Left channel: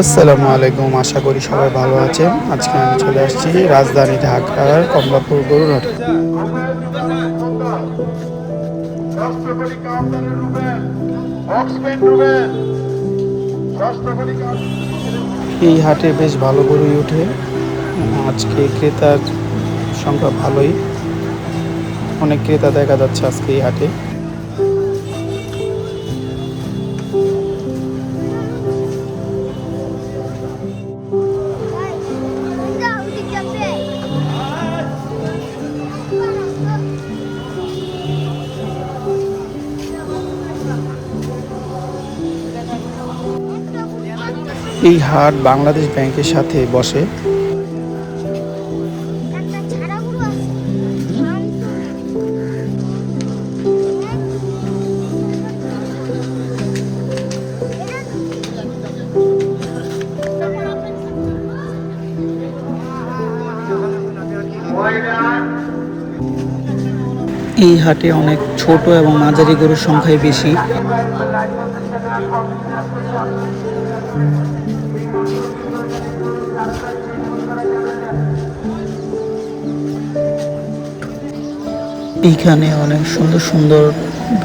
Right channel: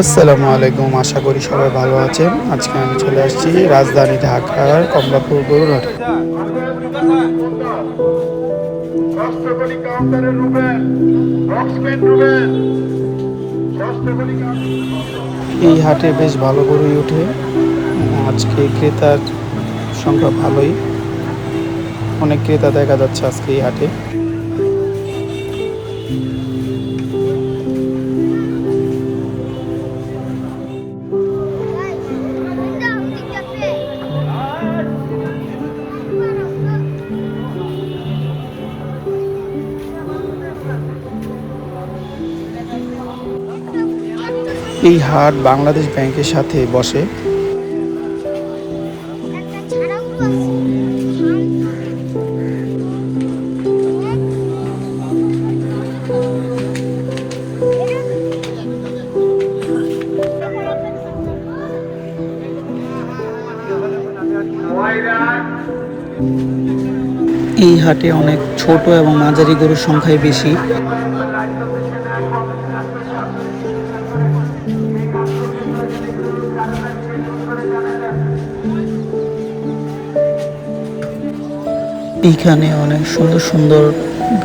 আসসালামু আলাইকুম, আশা করি সবাই ভালো আছেন। আজকে আমি চলে আসছি রাজধানী ঢাকার কমলাপুর গরুর হাটে। এই হাটে বেশ ভালো গরুই ওঠে। আজকে ক্রেতার সংখ্যা ভালোই, অনেক ক্রেতা দেখা যাচ্ছে আজকে এই হাটে। এই হাট বাংলাদেশ ব্যাংকের সাথে বসে। এই হাটে অনেক ছোট এবং মাঝারি গরুর সংখ্যাই বেশি। এইখানে অনেক সুন্দর সুন্দর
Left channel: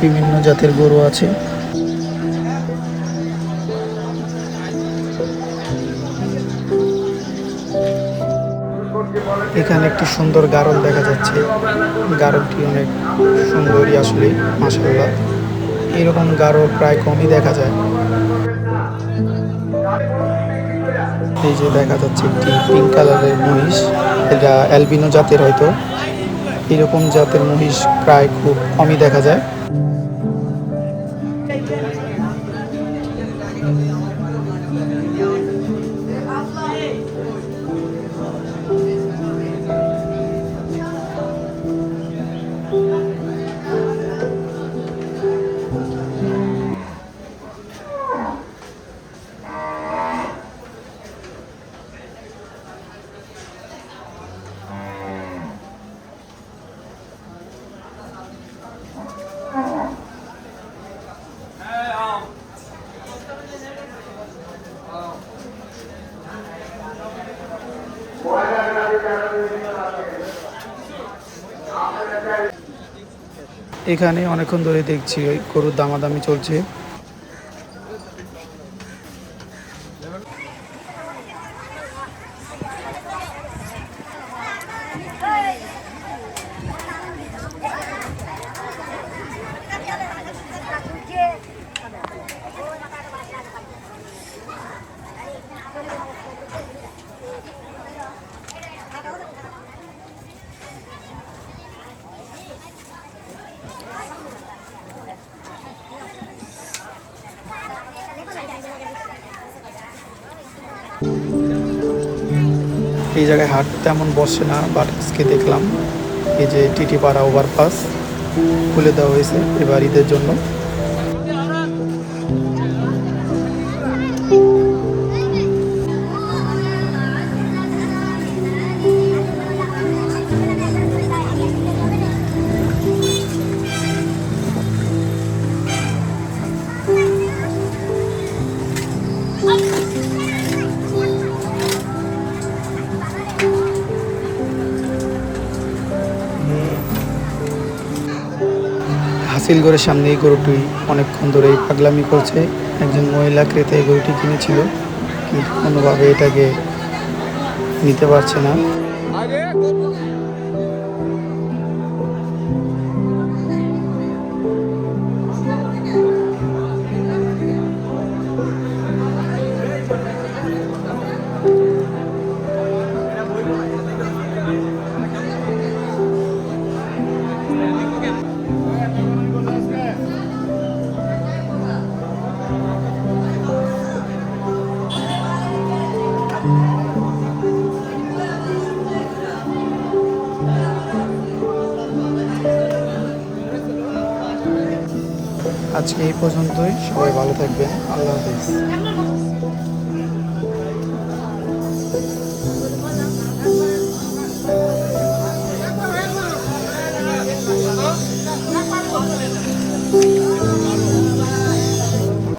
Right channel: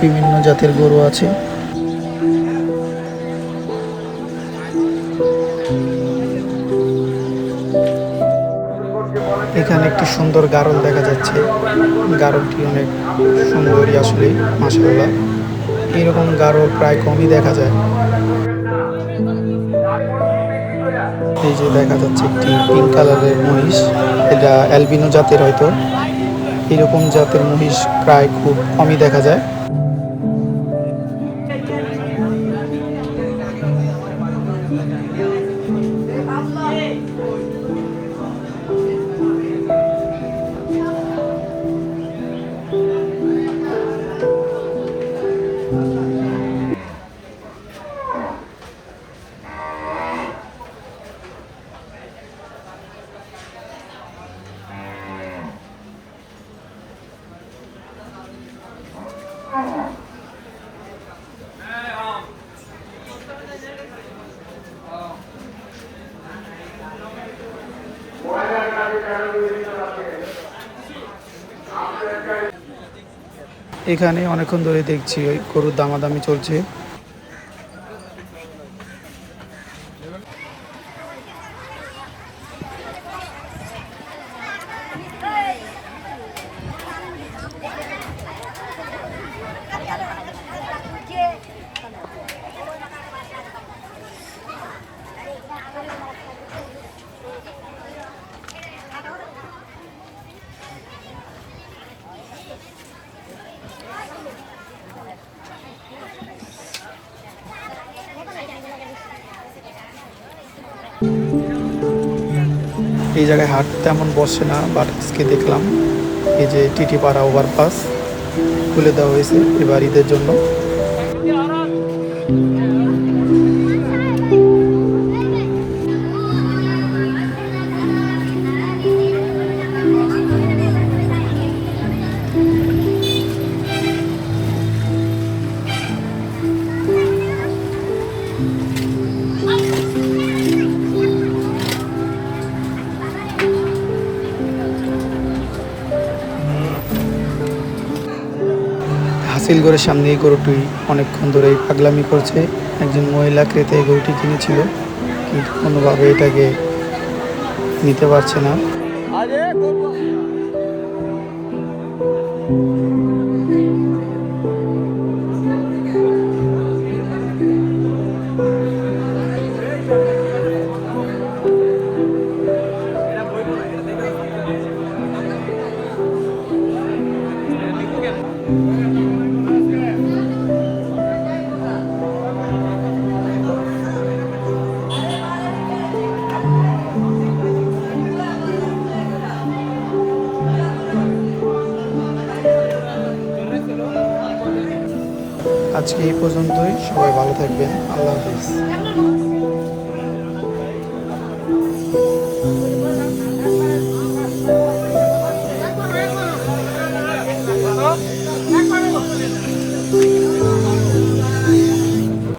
বিভিন্ন জাতের গরু আছে। এখানে একটি সুন্দর গারল দেখা যাচ্ছে। গারলটি অনেক সুন্দরই আসলে, মাশাআল্লাহ। এরকম গারল প্রায় কমই দেখা যায়। এই যে দেখা যাচ্ছে একটি পিঙ্ক কালারের মহিষ, এটা অ্যালবিনো জাতের হয়তো। এরকম জাতের মহিষ প্রায় খুব কমই দেখা যায়। এখানে অনেকক্ষণ ধরে দেখছি ওই গরুর দামাদামি চলছে। এই জায়গায় হাট তেমন বসে না, বাট আজকে দেখলাম এই যে টিটিপাড়া ওভারপাস খুলে দেওয়া হয়েছে এবার ঈদের জন্য। হাসিলগড়ের সামনে এই গরুটি অনেকক্ষণ ধরে পাগলামি করছে। একজন মহিলা ক্রেতা এই গরুটি কিনেছিল, কিন্তু কোনোভাবে এটাকে নিতে পারছে না। আজকে এই পর্যন্তই, সবাই ভালো থাকবেন, আল্লাহ হাফিজ।